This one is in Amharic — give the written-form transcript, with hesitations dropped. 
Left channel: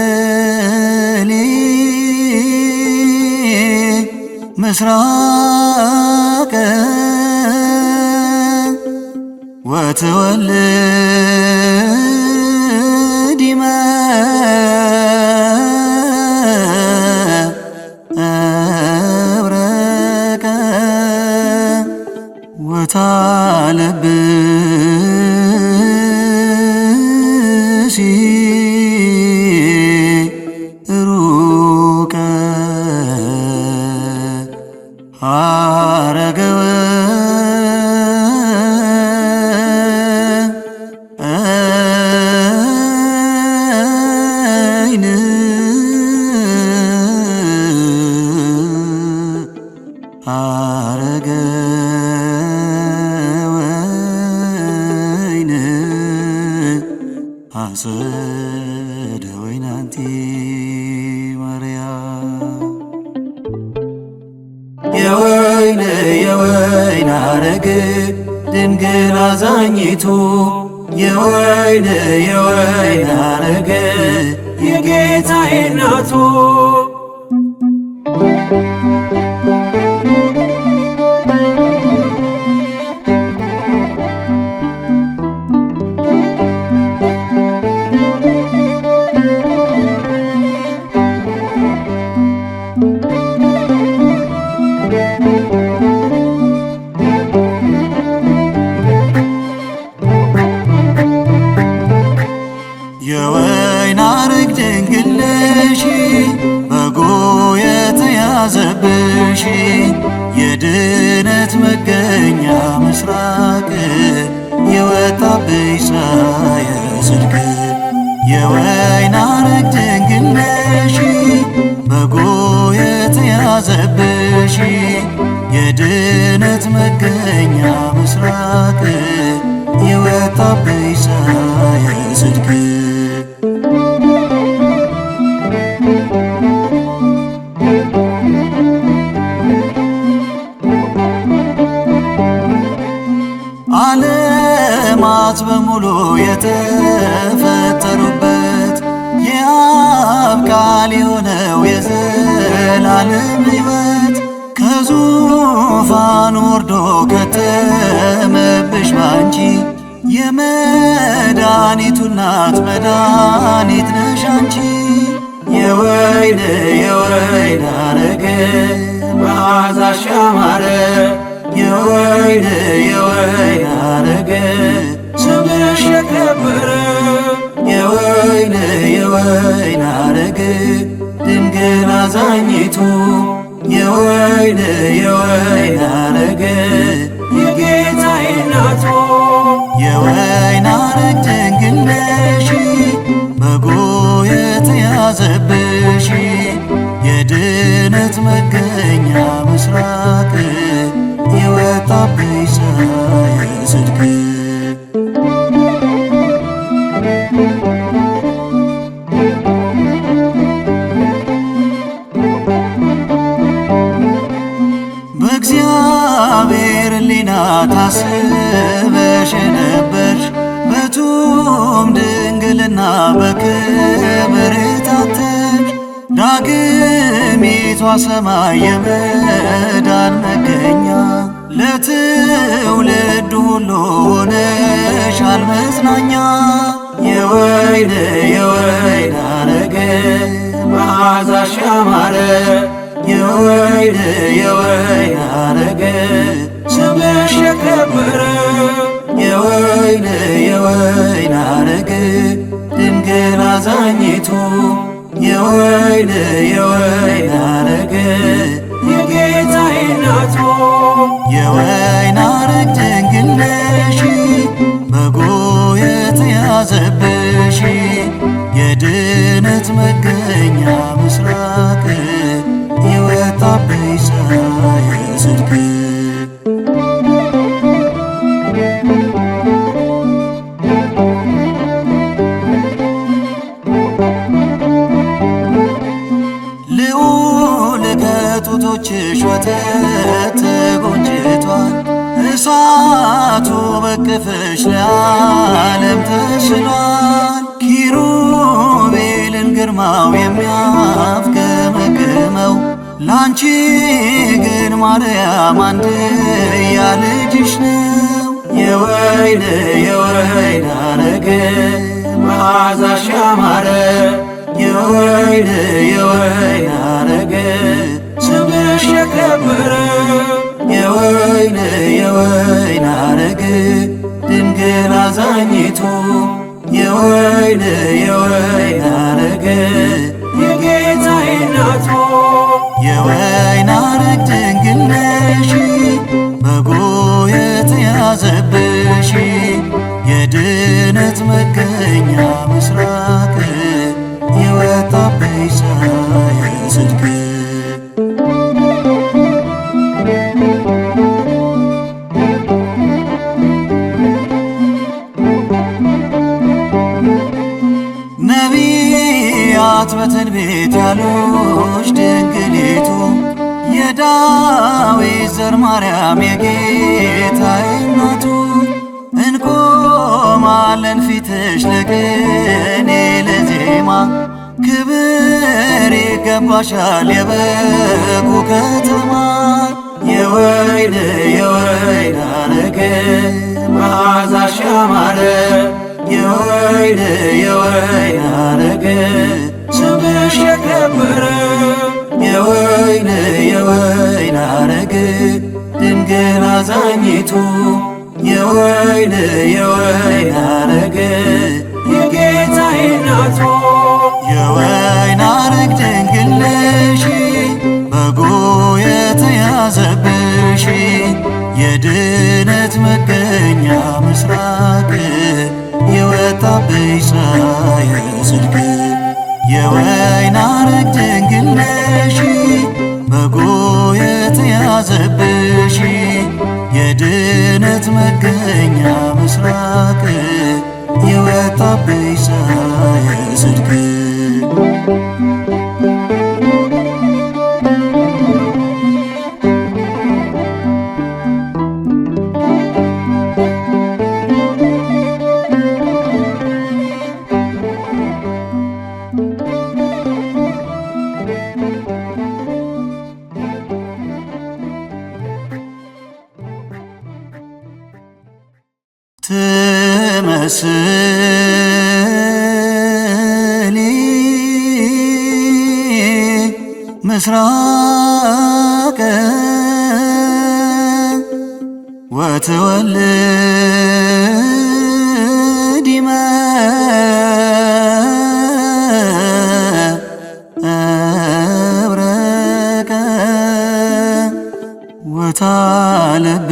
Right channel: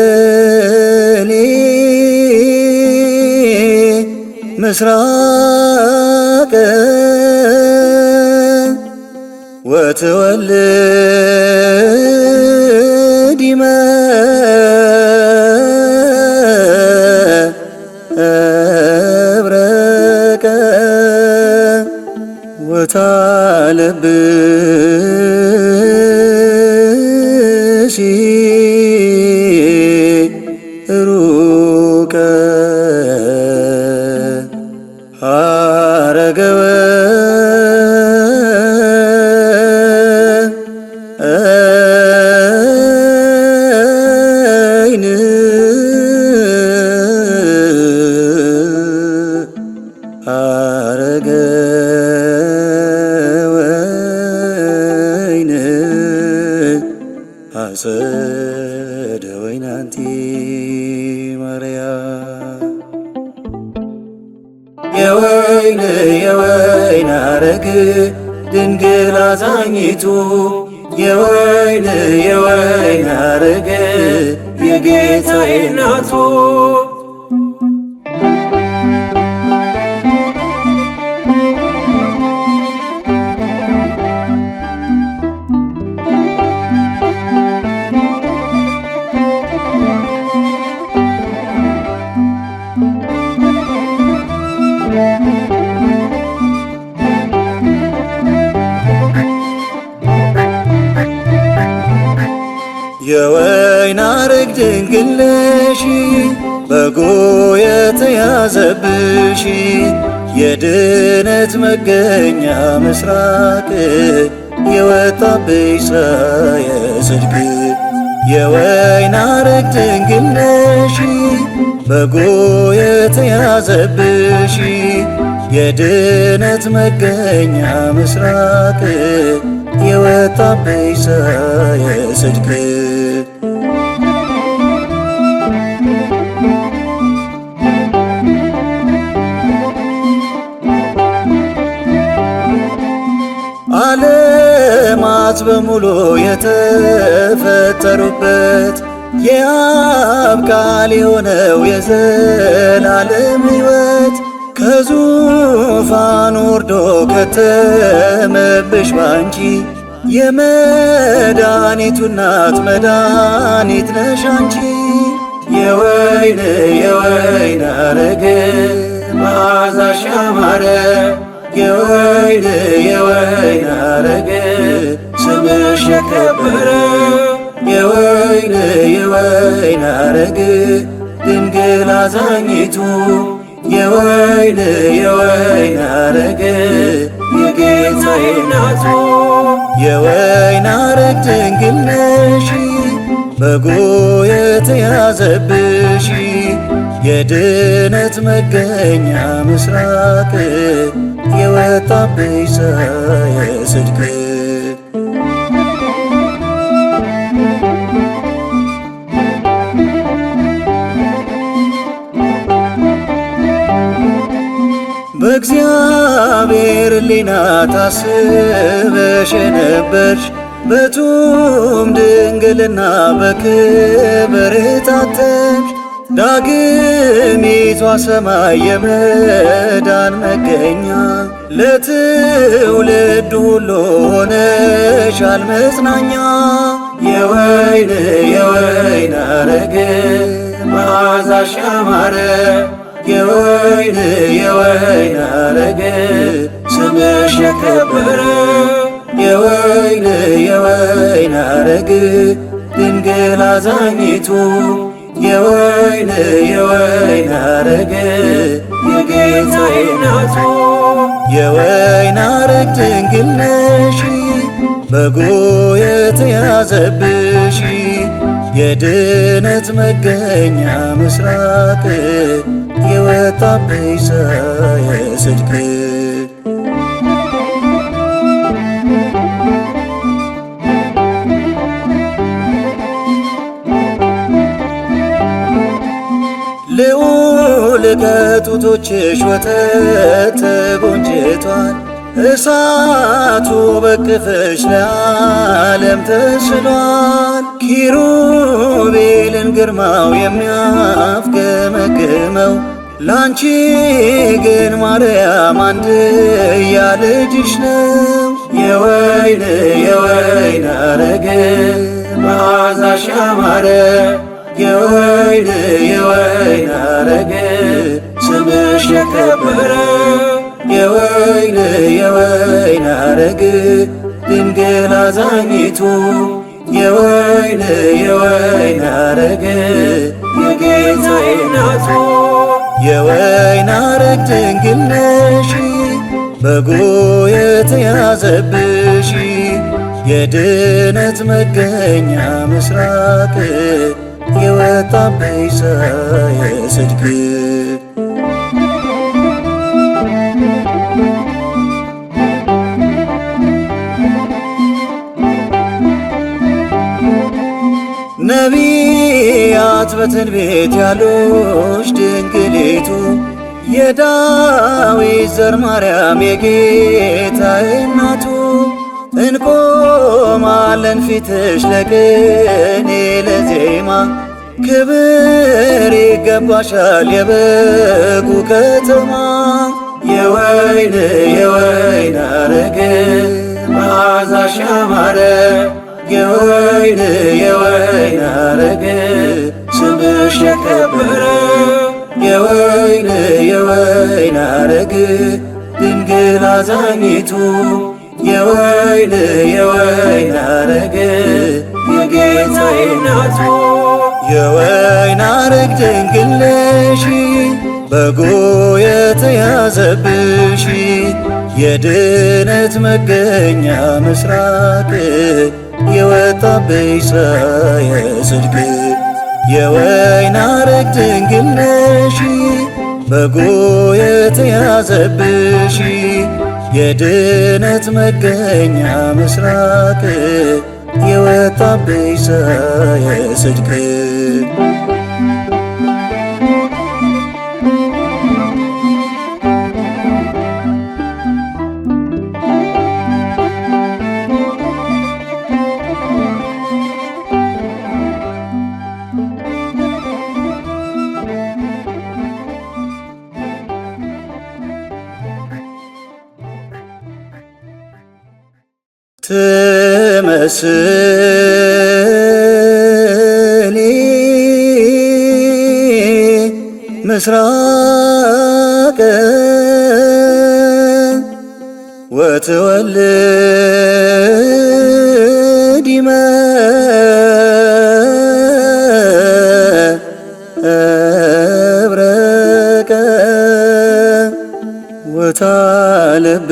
ትመስሊ ምስራቅ ወትወልድ መብረቀ ወታለብሲ ሩቀ ሀረገ ወይን ሀረገ ወይን አጸደ ወይን አንቲ ማርያም የወይን ሐረግ ድንግል አዛኝቱ የወይን ሐረግ የጌታዬ እናቱ የወይን ሐረግ ድንግል ነሽ በጎ የተያዘብሽ የድነት መገኛ ምስራቅ የወጣብሽ ፀሐየ ጽድቅ የወይን ሐረግ ድንግል ነሽ በጎ የተያዘብሽ የድነት መገኛ ምስራቅ የወጣብሽ ፀሐየ ጽድቅ ዓለማት በሙሉ የተፈጠሩበት የአብ ቃል የሆነው የዘላለም ሕይወት ከዙፋኑ ወርዶ ከተመብሽ ባንቺ የመድኃኒቱ እናት መድኃኒት ነሽ አንቺ የወይን ሐረግ መዓዛሽ ያማረ የወይን ሐረግ ስምሽ የከበረ የወይን ሐረግ ድንግል አዛኝቱ የወይን ሐረግ የጌታዬ እናቱ የወይን ሐረግ ድንግል ነሽ በጎ የተያዘብሽ የድነት መገኛ ምስራቅ የወጣብሽ ፀሐየ ጽድቅ በእግዚአብሔር ሕሊና ታስበሽ ነበርሽ በቱም ድንግልና በክብር የታተምሽ ዳግሚቷ ሰማይ የመዳን መገኛ ለትውልድ ሁሉ ሆነሻል መጽናኛ የወይን ሐረግ መዓዛሽ ያማረ የወይን ሐረግ ስምሽ የከበረ የወይን ሐረግ ድንግል አዛኝቱ የወይን ሐረግ የጌታዬ እናቱ የወይን ሐረግ ድንግል ነሽ በጎ የተያዘብሽ የድነት መገኛ ምስራቅ የወጣብሽ ፀሐየ ጽድቅ ልዑል ከጡቶችሽ ወተት ተጎንጭቷል እሳቱ በቅፍሽ ለዓለም ተስሏል። ኪሩቤልን ግርማው የሚያፍገመግመው ላንቺ ግን ማርያም አንድያ ልጅሽ ነው። የወይን አረግ መዓዛሽ ያማረ የወይን አረግ ስምሽ የከበረ የወይን አረግ ድንግል አዛኝቱ የወይን አረግ የጌታዬ ናቱ። የወይን አረግ ድንግል ነሽ በጎ የተያዘብሽ የድነት መገኛ ምስራቅ የወጣብሽ ፀሐየ ጽድቅ ነቢያት በትንቢት ያሉሽ ድንግሊቱ የዳዊት ዘር ማርያም የጌታዬ እናቱ እንቆማለን ፊትሽ ለቅኔ ለዜማ ክብር ይገባሻል የበጉ ከተማ የወይን አረግ መዓዛሽ ያማረ የወይን አረግ ስምሽ የከበረ የወይን አረግ ድንግል አዛኝቱ የወይን አረግ የጌታዬ ናቱ። የወይን አረግ ድንግል ነሽ በጎ የተያዘብሽ የድነት መገኛ ምስራቅ የወጣብሽ ፀሐየ ጽድቅ የወይን አረግ ድንግል ነሽ በጎ የተያዘብሽ የድነት መገኛ ምስራቅ የወጣብሽ ፀሐየ ጽድቅ ትመስሊ ምስራቅ ወትወልድ መብረቀ ወታለብ